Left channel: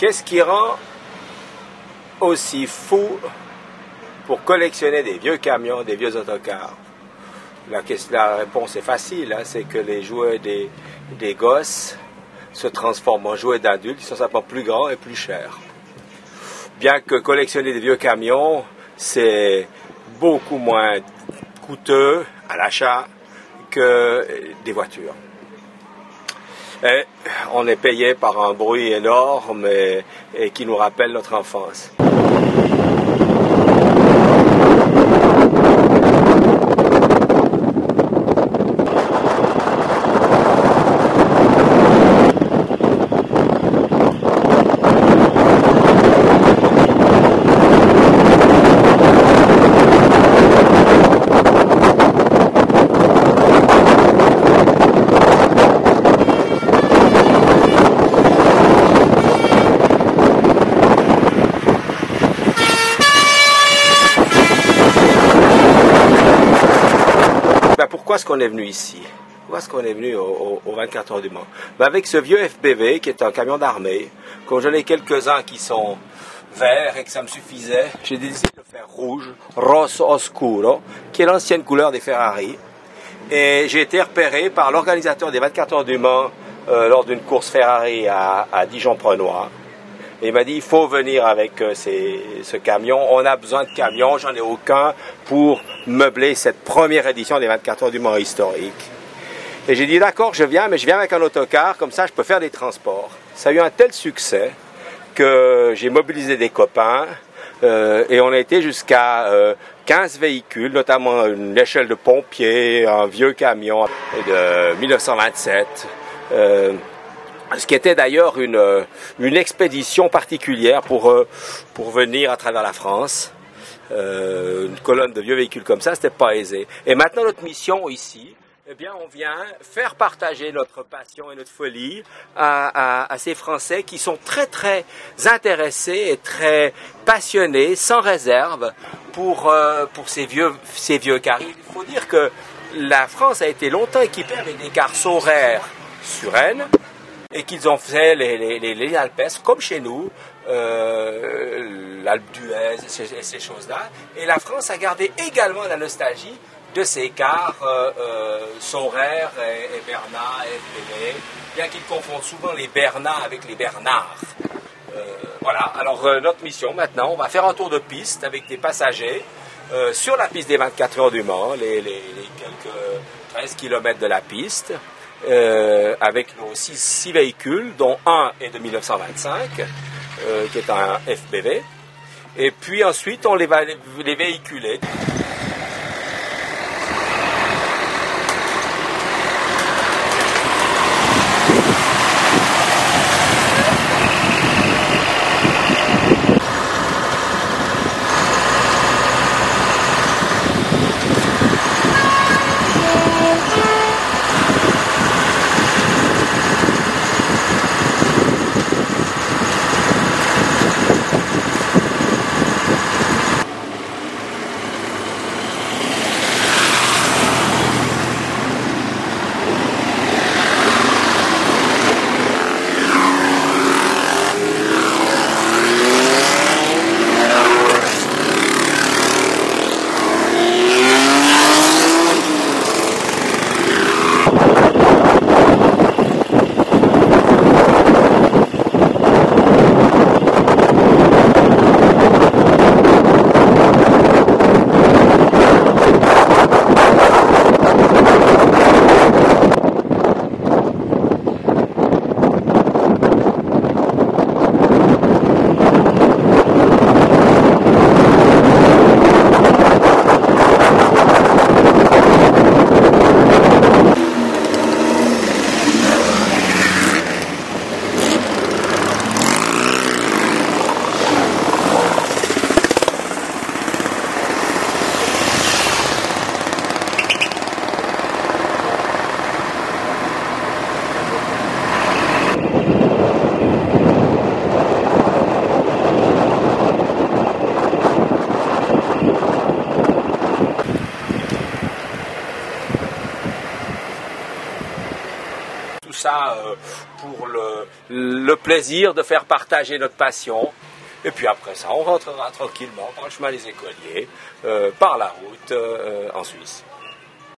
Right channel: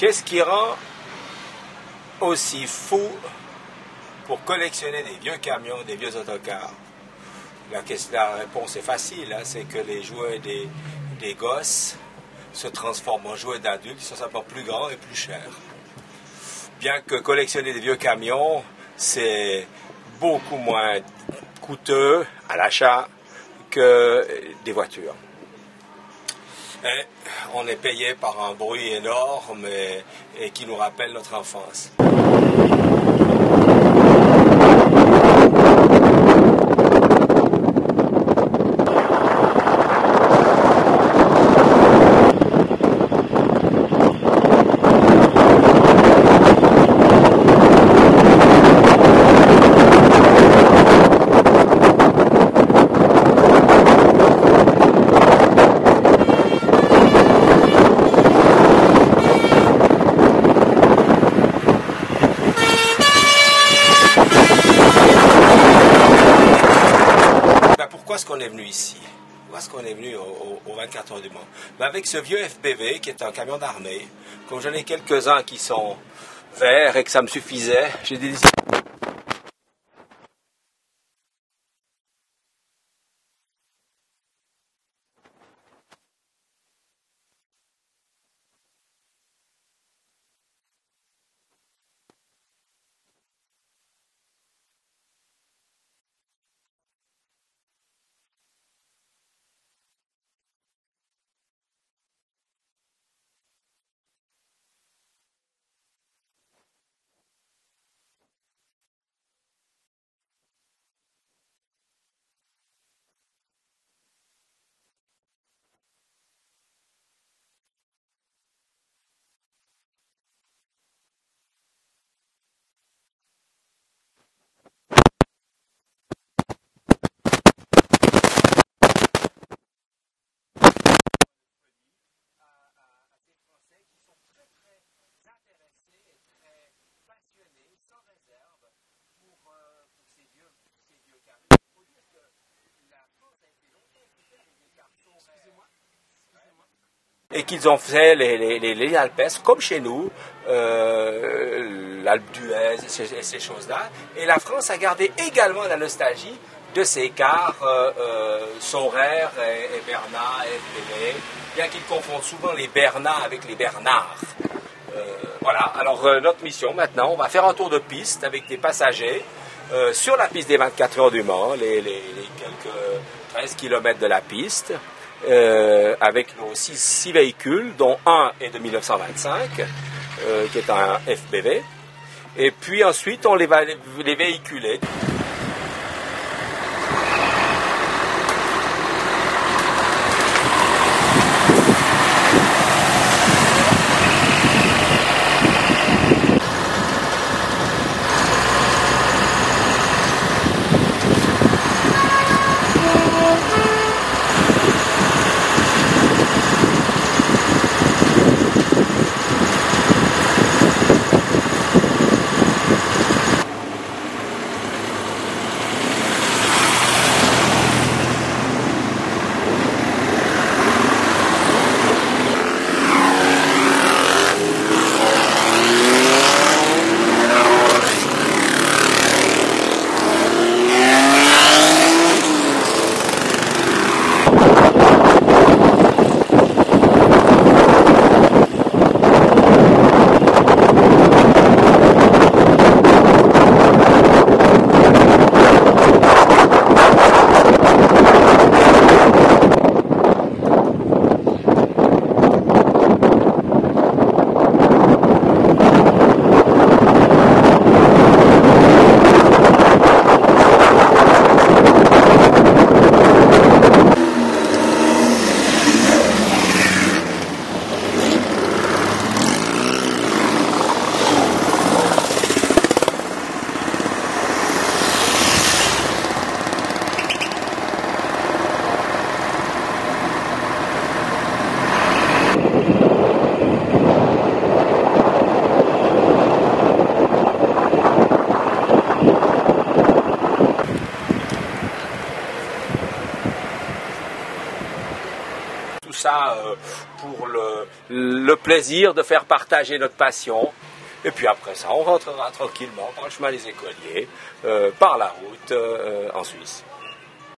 Qu'est-ce qui rend aussi fou pour collectionner des vieux camions, des vieux autocars? La réponse est facile, hein, c'est que les jouets des gosses se transforment en jouets d'adultes, ils sont simplement plus grands et plus chers. Bien que collectionner des vieux camions, c'est beaucoup moins coûteux à l'achat que des voitures. Et on est payé par un bruit énorme et qui nous rappelle notre enfance. Pourquoi est-ce qu'on est venu ici? Pourquoi est-ce qu'on est venu au 24 heures du Mans? Avec ce vieux FBV qui est un camion d'armée, comme j'en ai quelques-uns qui sont verts et que ça me suffisait, j'ai décidé de faire rouge, rosso oscuro, qui est l'ancienne couleur des Ferrari. Et j'ai été repéré par l'organisateur des 24 heures du Mans lors d'une course Ferrari à Dijon-Prenois. Et il m'a dit, il faut venir avec ce camion, on a besoin de camions, j'en ai aucun pour meubler cette première édition des 24 heures du Mans historique. Et j'ai dit, d'accord, je viens, mais je viens avec un autocar, comme ça je peux faire des transports. Ça a eu un tel succès que j'ai mobilisé des copains et on a été jusqu'à 15 véhicules, notamment une échelle de pompier, un vieux camion de 1927. Ce qui était d'ailleurs une expédition particulière pour venir à travers la France. Une colonne de vieux véhicules comme ça, c'était pas aisé. Et maintenant, notre mission ici, eh bien, on vient faire partager notre passion et notre folie à ces Français qui sont très, très intéressés et très passionnés, sans réserve, pour ces vieux cars. Il faut dire que la France a été longtemps équipée avec des cars Saurer Suresnes, et qu'ils ont fait les Alpes, comme chez nous, l'Alpe d'Huez et ces choses-là. Et la France a gardé également la nostalgie de ces cars Saurer et Bernat et FBV, bien qu'ils confondent souvent les Bernat avec les Bernard. Voilà, alors notre mission maintenant, on va faire un tour de piste avec des passagers sur la piste des 24 heures du Mans, les quelques 13 km de la piste. Avec nos 6 véhicules, dont un est de 1925, qui est un FBV. Et puis ensuite, on va les véhiculer. ça pour le plaisir de faire partager notre passion. Et puis après ça, on rentrera tranquillement par le chemin des écoliers, par la route en Suisse.